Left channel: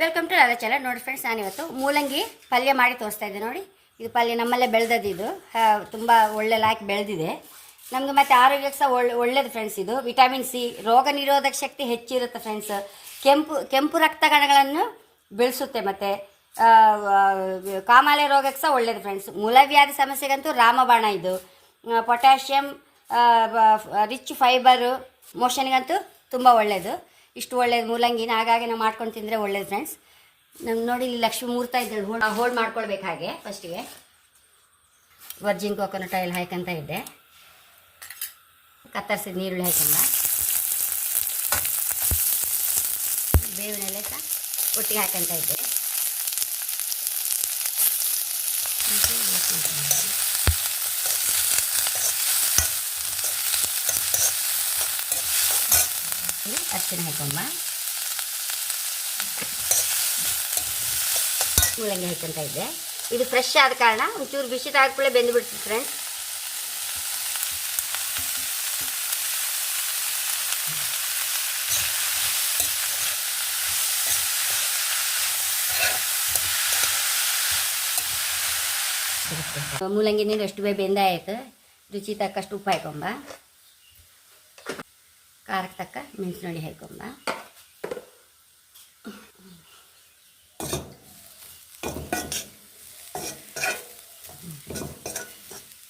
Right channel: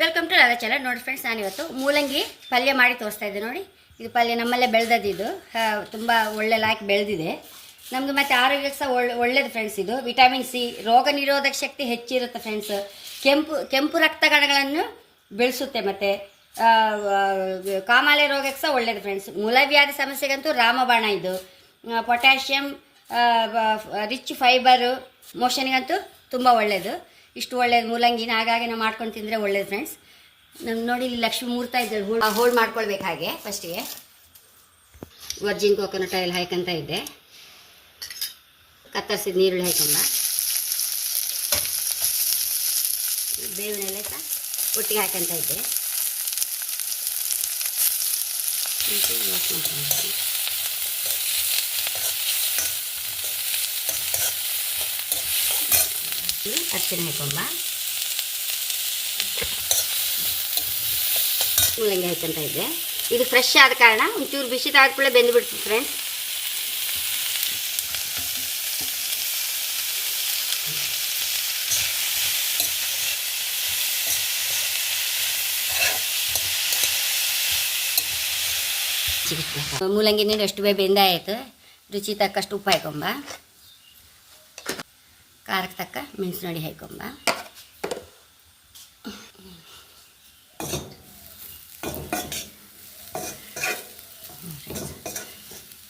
Welcome to Radha channel ನೋಡಿ friends ನಾನು ಇವತ್ತು ಮೂಲಂಗಿ ಪಲ್ಯ ಮಾಡಿ ತೋರಿಸ್ತಾ ಇದ್ದೆ ನೋಡಿ. ಇದು ಪಲ್ಯ ನಮ್ಮಲ್ಲೇ ಬೆಳೆದದ್ದು ಇದು. ತುಂಬ ಒಳ್ಳೆ ಲಾಯ್ಕ್ ಬೆಳೆದಿದೆ. ನಮಗೆ ಮತ್ತು ಆರೋಗ್ಯಕ್ಕೆ ಸಹ ಒಳ್ಳೆ ಒಳ್ಳೇದು ಫ್ರೆಂಡ್ಸ್ ಇದು. ವಿಟಮಿನ್ ಸಿ ರೋಗ ನಿರೋಧಕ ಶಕ್ತಿ ಹೆಚ್ಚಿರುತ್ತೆ ಫ್ರೆಂಡ್ಸ್ ಕೆಂಪು ಕೆಂಪು ರಕ್ತ ಕಣಗಳನ್ನು ಬೆಳೆಸುತ್ತೆ ಮತ್ತು ಕಾಮಾಲೆ ರೋಗಕ್ಕೆ ಸಹ ಒಳ್ಳೇದು ಫ್ರೆಂಡ್ಸ್ ಮೂಲವ್ಯಾಧಿ ಸಮಸ್ಯೆಗಂತೂ ರಾಮಬಾಣ ಇದು. ಪೊಟ್ಯಾಷಿಯಂ ರಿಚ್ ಫೈಬರು ಮೋಷನ್ಗಂತೂ ತುಂಬ ಒಳ್ಳೆಯದು ಇಷ್ಟು ಒಳ್ಳೆಯದು ಮೂಲಂಗಿನ ಹಾಗಾಗಿ ನಾವು ಮಾಡ್ಕೊಂಡು ತಿಂದರೆ ಒಳ್ಳೇದು ಫ್ರೆಂಡ್ಸ್ ನಮ್ಗೆ ನೋಡಿ ಇಲ್ಲಿ ಲಕ್ಷ್ಮೀ ಮೂರ್ತ ಇದ್ದಾರೆ ಹೋಲ್ಡ್ ಹೋಲ್ಡ್ ಮಾಡ್ಕೊಳ್ಬೇಕು ಹಾಗೆ ಫಸ್ಟಿಗೆ ವರ್ಜಿನ್ ಕೋಕೋನಟ್ ಆಯಿಲ್ ಹಾಕಂತ ಇದ್ದೆ. ಕತ್ತರಿಸಿದ ನೀರುಳ್ಳಿ ಹಾಕೊಂಡ ಬೇವಿನೆಲೆ ಸಹ ಒಟ್ಟಿಗೆ ಹಾಕಂತ ಇದ್ದೆ. ಅರ್ಶಿನ ಹಾಕೊಂಬ ಮೂಲಂಗಿ ಹಾಕೊಂತ ಇದ್ದೆ. ಇದು ಫ್ರೆಶ್ ಆದ ಕಾರಣ ಒಂಚೂರು ಬಿಸಿ ಕೂಡಲೇ ಬೆಂದು ಬಿಡ್ತದೆ ಫ್ರೆಂಡ್ಸ್ ಸಿಗುತ್ತೆ. ಮೂಲಂಗಿ ನೀರು ಎಷ್ಟು ಬೇಗ ಬೆಂದಾಯಿತು. ರುಚಿ ತಕ್ಕಷ್ಟು ಉಪ್ಪು ಹಾಕೊಂಬ. ಖಾರಕ್ಕೆ ತಕ್ಕ ಮೆಣಸಿನ ಹುಳಿ ಹಾಕೊಂಬ.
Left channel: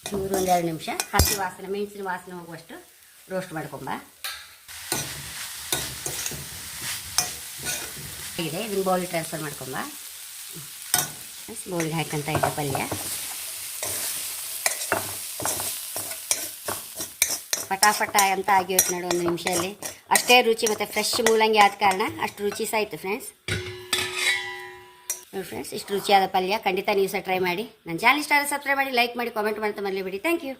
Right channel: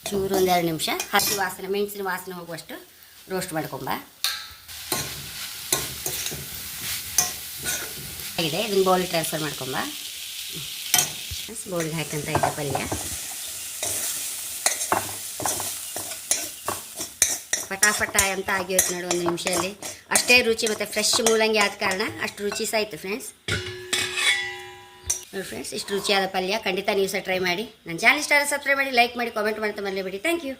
ಚೂರು ಒಂದೆರಡು ನಿಮಿಷ ಹಸಿ ವಾಸನೆ, ಮೆಣಸಿನ ವಾಸನೆ ಹೋಗುವಷ್ಟು ರೋಸ್ಟ್ ಮಾಡ್ಕೊಂಬ. ಆಗಿದೆ, ಇದನ್ನು ಬೌಲಿಗೆ ಟ್ರಾನ್ಸ್ಫರ್ ಮಾಡ್ಕೊಂಬ. ಬೌಲಿಗೆ ಹಾಕಂತ ಇದೆ ಪಲ್ಯ. ಫಟಾಫಟ ಅಂತ ಆಗಿರುತ್ತೆ ನೋಡಿ ಒಂದು ನಿಮಿಷದಲ್ಲಿ. ಅಷ್ಟೇ ರುಚಿ ಮತ್ತು ಫ್ರೆಶ್ ಮೂಲಂಗಿ ಆದ ಕಾರಣ ಅಷ್ಟು ರುಚಿ ಸಹ ಇತ್ತು ಫ್ರೆಂಡ್ಸ್ ನೋಡಿ ಫ್ರೆಂಡ್ಸ್ ಇಷ್ಟು ರುಚಿಯಾದ ಪಲ್ಯ ಖಂಡಿತ ನೀವು ಸಹ ಟ್ರೈ ಮಾಡಿ. ನನ್ನ ಚಾನಲ್ ಇಷ್ಟ ಸಬ್ಸ್ಕ್ರೈಬ್ ಮಾಡಿ ಲೈಕ್ ಮಾಡಿ ಕಾಮೆಂಟ್ ಮಾಡ್ತಾ ಮರಲಿಬಿಡಿ ಥ್ಯಾಂಕ್ ಯು